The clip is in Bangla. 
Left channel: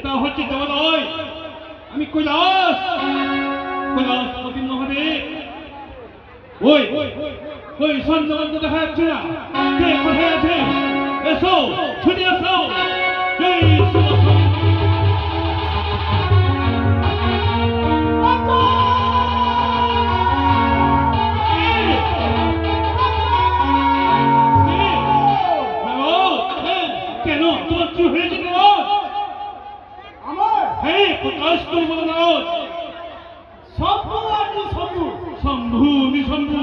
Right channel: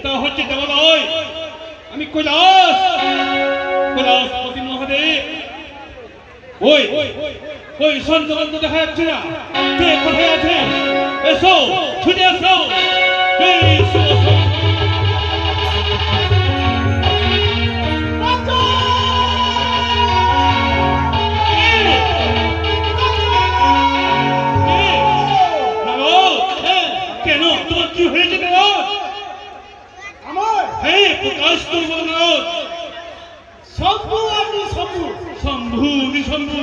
এটা হচ্ছে দেবালয়। আমি কৈলাসপতি মহাদেব। ওই ওই সন্তান দেখা যাচ্ছে না, কে কোথায় আছে? এসো, ছুটে এসো। কেন, তোমার কি হয়েছে? হ্যাঁ, প্রকাশ করবো না। শম্ভু, আপনি শম্ভু। শম্ভু, শম্ভু